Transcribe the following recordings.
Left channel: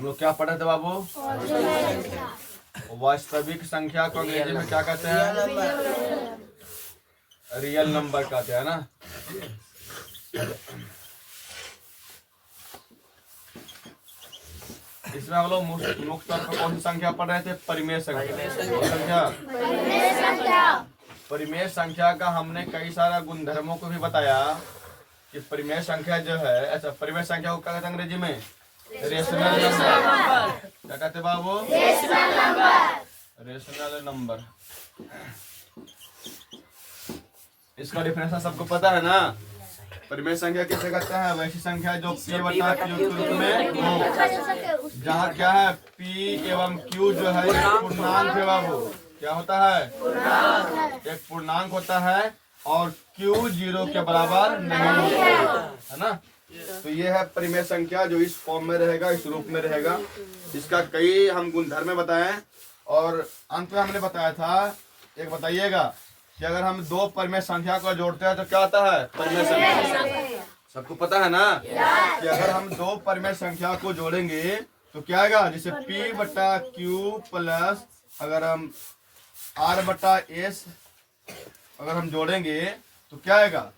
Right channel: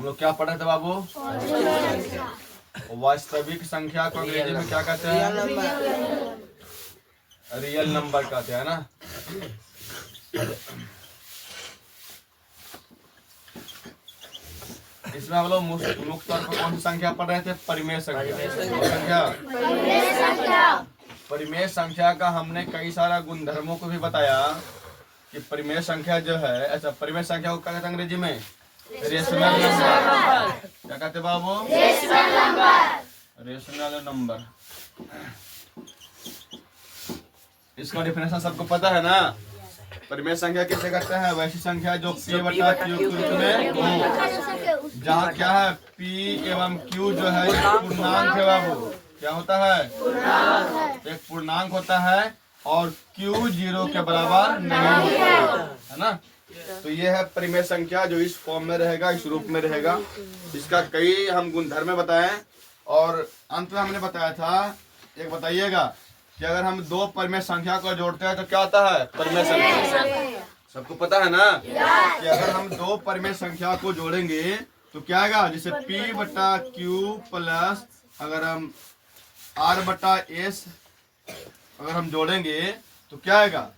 हम लोग क्या पढ़े थे बाबू? वास्तविक संख्या को अंग्रेजी में क्या कहते हैं? रियल नंबर कहते हैं ना। इसमें हम लोग मुख्य तौर पर कौन सी संख्या पढ़ रहे थे? परिमेय संख्या। परिमेय संख्या का हमने कई सारा गुणधर्मों को भी बताया कि परिमेय संख्या जो है, ऐसा परिमेय संख्या को क्या कहते हैं अंग्रेजी में? Rational number. क्या कहते बाबू? Rational number. इसका डिफिनेशन सबको पता है ना? परिमेय संख्या किसे कहते हैं? वैसी संख्या जो P बटा Q के रूप में हो, जहाँ क्या है P एवं Q जो है पूर्णांक है बाबू। क्या होता है? एक पूर्णांक होता है और Q 0 के बराबर नहीं होता है ना। तो ये है परिमेय संख्या जो इस फॉर्म में रहेगा, इस रूप में रहेगा। इसका कई हम गुणधर्म बताएं और अंत में हमने बताया था, एक बताइएगा कि अगर हम दो परिमेय संख्या को जोड़ते हैं तो क्या आता है? परिमेय संख्या। सबको पता है ना कि अगर हम दो परिमेय संख्या को जोड़ेंगे तो क्या आएगा? जैसे P बटा Q प्लस अगर हम R बटा S अगर हम जोड़ेंगे तो क्या आएगा?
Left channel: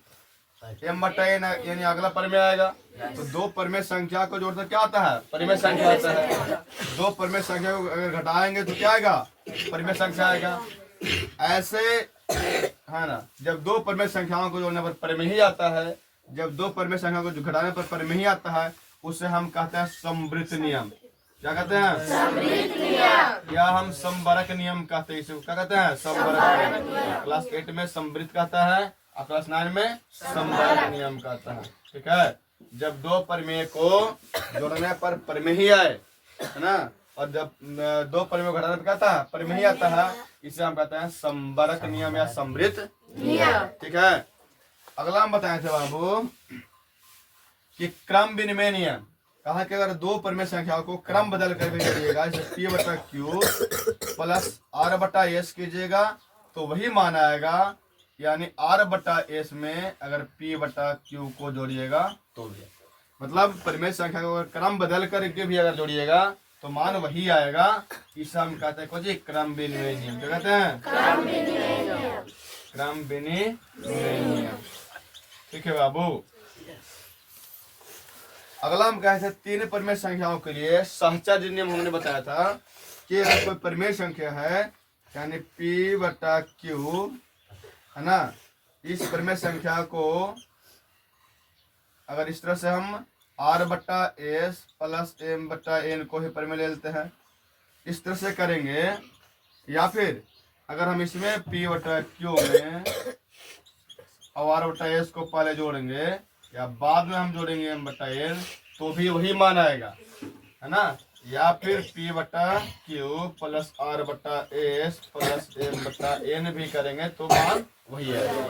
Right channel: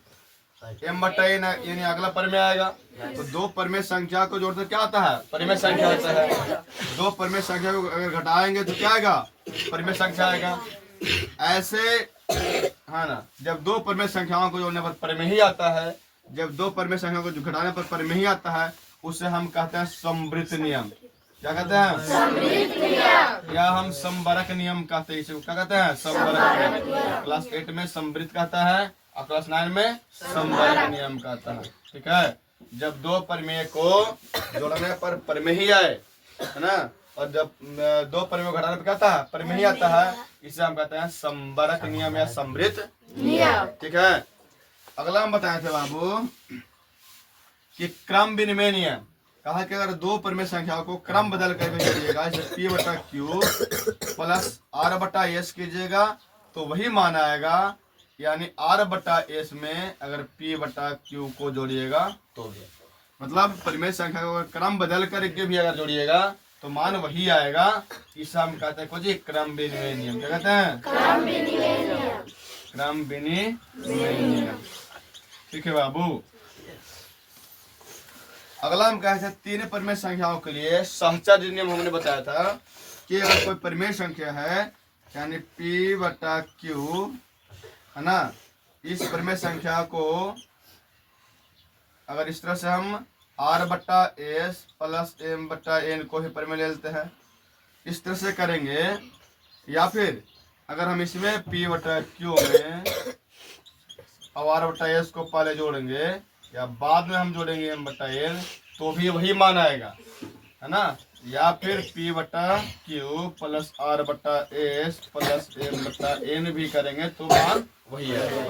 M बटा N, यानी अगला परिमेय आएगा। तो दो परिमेय संख्या को जोड़ते क्या आता है? परिमेय संख्या होता है। दो परिमेय संख्या को अगर घटाएंगे तो क्या आएगा? परिमेय संख्या आएगा। ऐसे हाँ ना, जब दो परिमेय संख्याओं को जोड़ने पर परिमेय ही आता है, जब दो परिमेय संख्याओं को घटाने पर परिमेय ही आता है, उसे हम कहते हैं समवृत्त नियम। क्या कहते हैं? समवृत्त नियम। या हम समवरक नियम कहते हैं इसे। क्या कहते हैं? समवरक नियम। क्लास 8 में समवृत्त कहता है और क्लास 9 में समवरक नियम कहता है। ठीक है। जब दो परिमेय को जोड़ने पर परिमेय ही आए, है ना, और जब दो परिमेय घटाने पर कहता है परिमेय ही आता है, इसे हम कहते हैं समवरक नियम या समवृत्त नियम। ठीक है। अगला हम बताए थे बाबू कि क्रम विनिमय नियम। कहा कि अगर दो परिमेय संख्याओं को क्रम बदल कर कीजिएगा, जैसे P बटा Q प्लस R बटा S कीजिएगा तो वही मान आएगा। यानी R बटा S में अगर P बटा Q को जोड़िएगा तो भी, मतलब परिमेय संख्या को अगर क्रम बदल करके भी अगर जोड़िएगा तो मान वही आएगा। इसे हम कहते हैं कुछ क्रम विनिमय नियम। क्या कहते हैं? क्रम विनिमय नियम। क्रम विनिमय नियम। ठीक है बाबू। अगला हम कहते हैं तीन परिमेय संख्याओं के लिए सहचर्य नियम। हमने बताया था कि अगर कोई परिमेय संख्या है यानी P बटा Q, है ना, इस परिमेय संख्या को अगर इस तरह से हम R बटा S प्लस M बटा N को ही परिमेय ले लेते हैं, इस तरह से करेंगे। या फिर अगर हम इसमें P बटा Q में और R बटा S को पहले जोड़ेंगे या बाद में हम जोड़ेंगे M बटा N तो भी वही मान आएगा, है ना। या फिर P बटा Q प्लस R बटा S प्लस M बटा N भी करेंगे तो मान वही आएगा।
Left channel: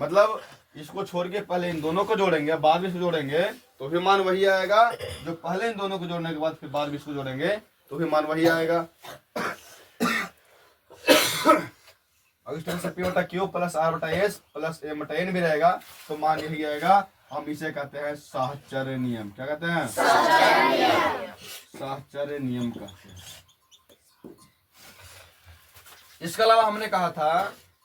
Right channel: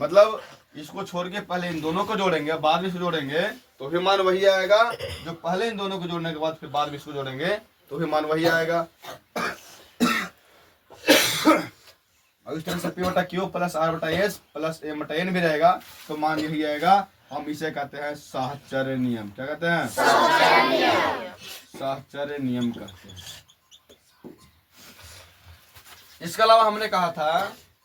मतलब इसको छोड़ के पहले इन दोनों को जोड़ेंगे, बाद में इसको जोड़ेंगे तो भी मान वही आएगा। जो पहले इन दोनों को जोड़ने के बाद फिर बाद में इसको जोड़ेंगे तो भी मान वही आएगा। और इस तरह से P बटा Q प्लस R बटा S प्लस M बटा N भी रहेगा तो मान यही आएगा। हम इसे कहते हैं सहचर्य नियम। क्या कहते हैं? सहचर्य नियम कहते हैं। इसके अलावा हमने कहा था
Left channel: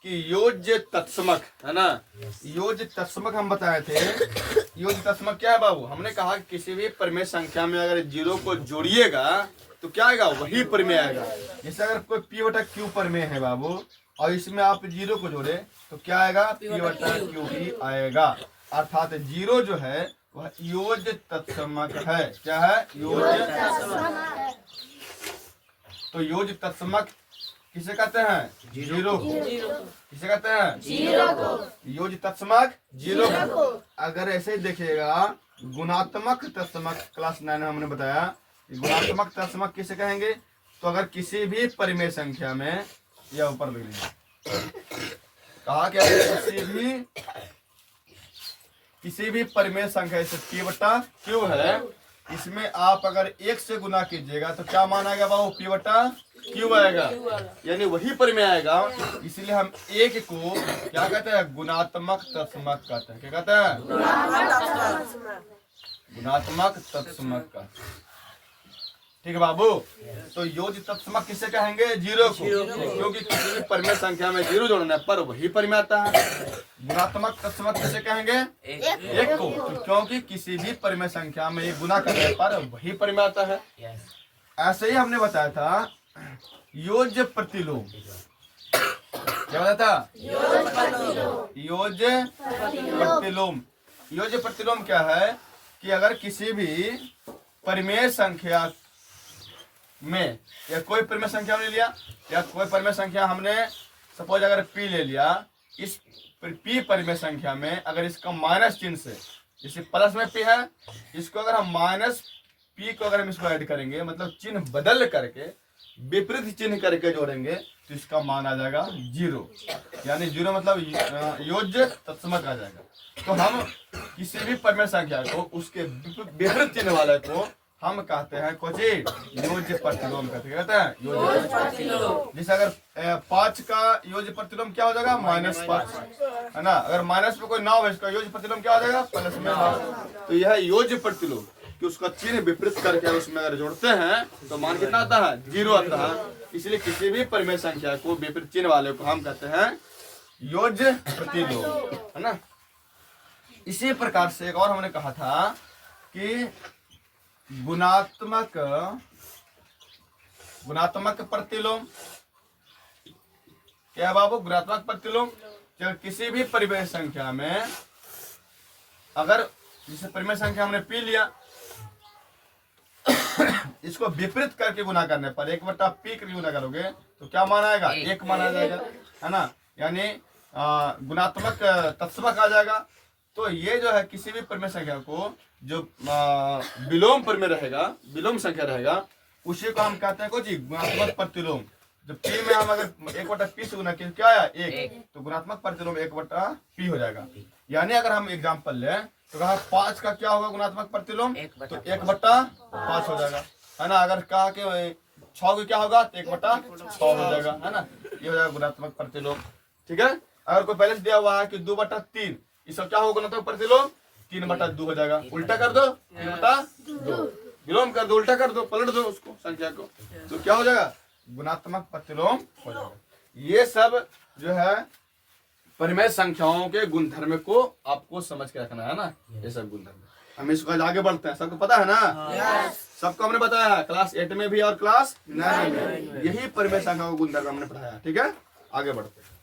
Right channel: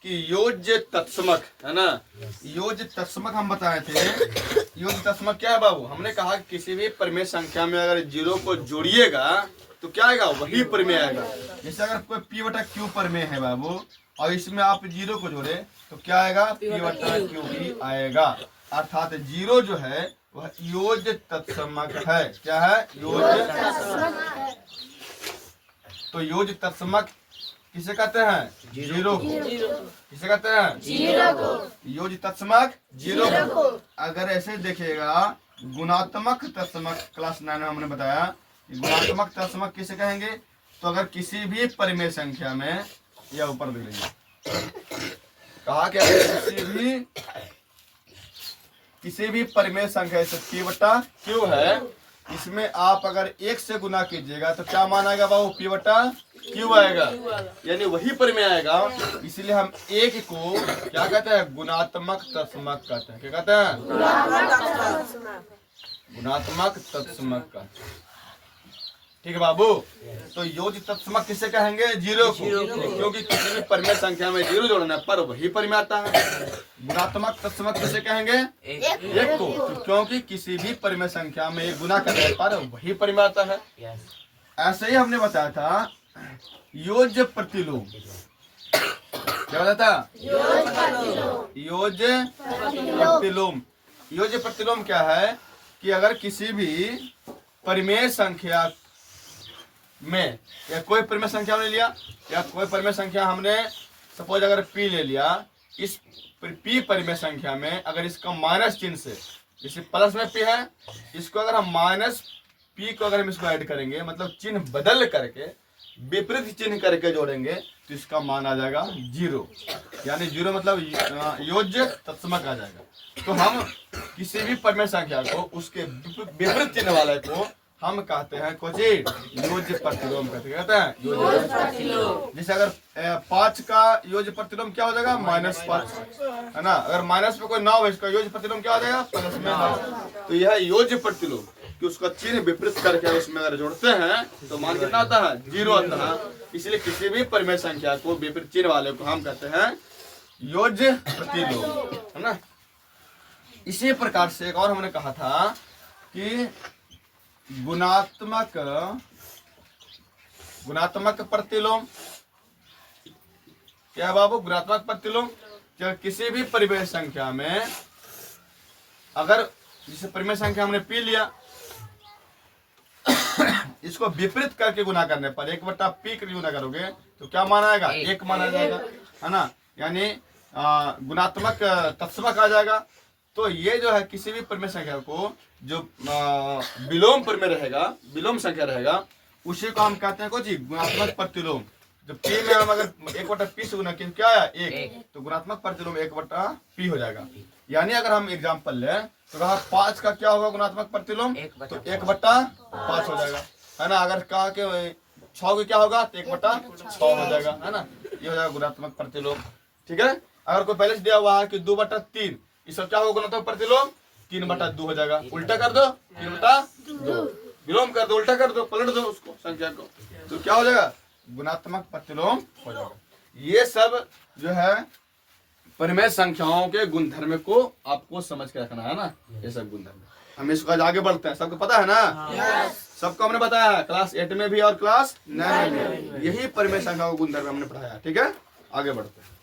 कि योज्य तत्समक, है ना, योज्य तत्समक हम बताए थे। योज्य तत्समक क्या है बाबू? हमने कहा कि किसी भी परिमेय संख्या में अगर 0 को जोड़िएगा तो क्या आएगा? वही परिमेय आएगा। जैसे अगर कोई P बटा Q परिमेय है बाबू और इसमें आप 0 को जोड़े तो क्या आएगा? P बटा Q ही आएगा। अर्थात 0 जो है वह योज्य तत्समक है। क्या है? योज्य तत्समक। तो योज्य तत्समक किसे कहते हैं? 0 को। किसे कहते हैं? 0 को। योज्य तत्समक 0 को। अगर ऐसे ही देखिएगा गुणात्मक तत्समक क्लास 9 में हमने बताया, गुणात्मक तत्समक किसे कहेंगे? तो अगर किसी भी परिमेय संख्या में, या ऊपर देख लेंगे, कहा कि अगर किसी भी परिमेय संख्या जैसे P बटा Q है, इसमें आप अगर 1 से गुना कीजिएगा तो क्या मान आएगा बाबू? P बटा Q आएगा, यानी वही परिमेय आएगा। इसलिए हम 1 को क्या कहते हैं? गुणात्मक तत्समक कहते हैं। क्या कहते हैं? गुणात्मक तत्समक कहते हैं। ठीक है बाबू। तो योज्य तत्समक किसे कहेंगे? जीरो को, क्योंकि किसी भी परिमेय संख्या में जीरो जोड़ना पर वही परिमेय आता है। गुणात्मक तत्समक किसे कहेंगे? एक को, क्योंकि किसी भी परिमेय संख्या में एक गुना करने पर वही परिमेय आता है। ऐसे ही हमने बताया था योज्य प्रतिलोम। क्या बताया था? योज्य प्रतिलोम। योज्य प्रतिलोम क्या है कि अगर किसी भी परिमेय संख्या में, या कोई परिमेय संख्या हमने लिया, या कोई परिमेय संख्या हमने सपोज अगर p ले लिया, इस p परिमेय संख्या में अगर इसका माइनस चिन्ह से, जैसे प्लस में p है, इसको अगर हम माइनस p को अगर हम इसको ऐड करेंगे, मतलब चिन्ह बदल करके विपरीत चिन्ह करके जोड़ेंगे, तो इसका मान आ जाएगा जीरो। यानी जीरो मतलब योज्य तत्समक आ जाएगा। तो हम किसी भी परिमेय संख्या को उसके विपरीत चिन्ह वाले को हम कहते हैं कोची योज्य प्रतिलोम कहते हैं। योज्य प्रतिलोम। जैसे अगर 5 का योज्य प्रतिलोम क्या हो जाएगा? -5 है ना। अगर माइनस में कोई 9 है, इसका योज्य प्रतिलोम क्या हो जाएगा? प्लस में 9। तो यह योज्य प्रतिलोम कि उसका चिन्ह विपरीत करके उसमें अगर जोड़ते हैं तो मान कितना आता है? जीरो आता है। इसलिए किसी भी परिमेय संख्या को विपरीत चिन्ह वाले को हम कहते हैं योज्य प्रतिलोम, है ना। इसी प्रकार से एक और हमने कहा था कि गुणात्मक प्रतिलोम। क्या है बाबू? गुणात्मक प्रतिलोम किसी भी परिमेय संख्या में अगर, जैसे परिमेय संख्या हमने पी लिया, इसको विपरीत करके गुना करने पर 1/p के गुना करोगे तो क्या मान आएगा? 1 मान आ जाएगा, है ना। यानी गुणात्मक तत्समक आ जाएगा। तो ये जो है किसी भी परिमेय संख्या को जो विलोम परिमेय रहेगा, विलोम संख्या रहेगा, उसी को हम कहते हैं कुछ गुणात्मक प्रतिलोम। जब p में हम अगर 1/p से गुना किया क्या आया? 1, तो गुणात्मक प्रतिलोम 1/p हो जाएगा। यानी अगर हम एग्जाम्पल लें तो कहा 5 का क्या होगा गुणात्मक प्रतिलोम? तो 1/5 हो जाएगा, है ना। अगर कहा कि 6 का क्या होगा? तो 1/6 हो जाएगा, है ना। ये हो जाएगा गुणात्मक प्रतिलोम, ठीक है। अगर कोई पहले से दिया हुआ है कि 2/3, इसका क्या होगा गुणात्मक प्रतिलोम? 3/2 हो जाएगा। उल्टा कर दो, 3/2, विलोम कर दो, उल्टा कर दो, पलट दो उसको संख्या को, तो क्या हो जाएगा? गुणात्मक प्रतिलोम हो जाएगा। ये सब जो है परिमेय संख्याओं के गुणधर्म को आपको समझ के रखना है ना। ये सब गुणधर्म हम इसको आज आगे बढ़ते हैं। सबको पता है ना? सबको हमने बताया है क्लास 8 में भी और क्लास 9 में भी। यही परिमेय संख्याओं के गुणधर्म हमने पढ़ाया, ठीक है। आगे बढ़ते हैं।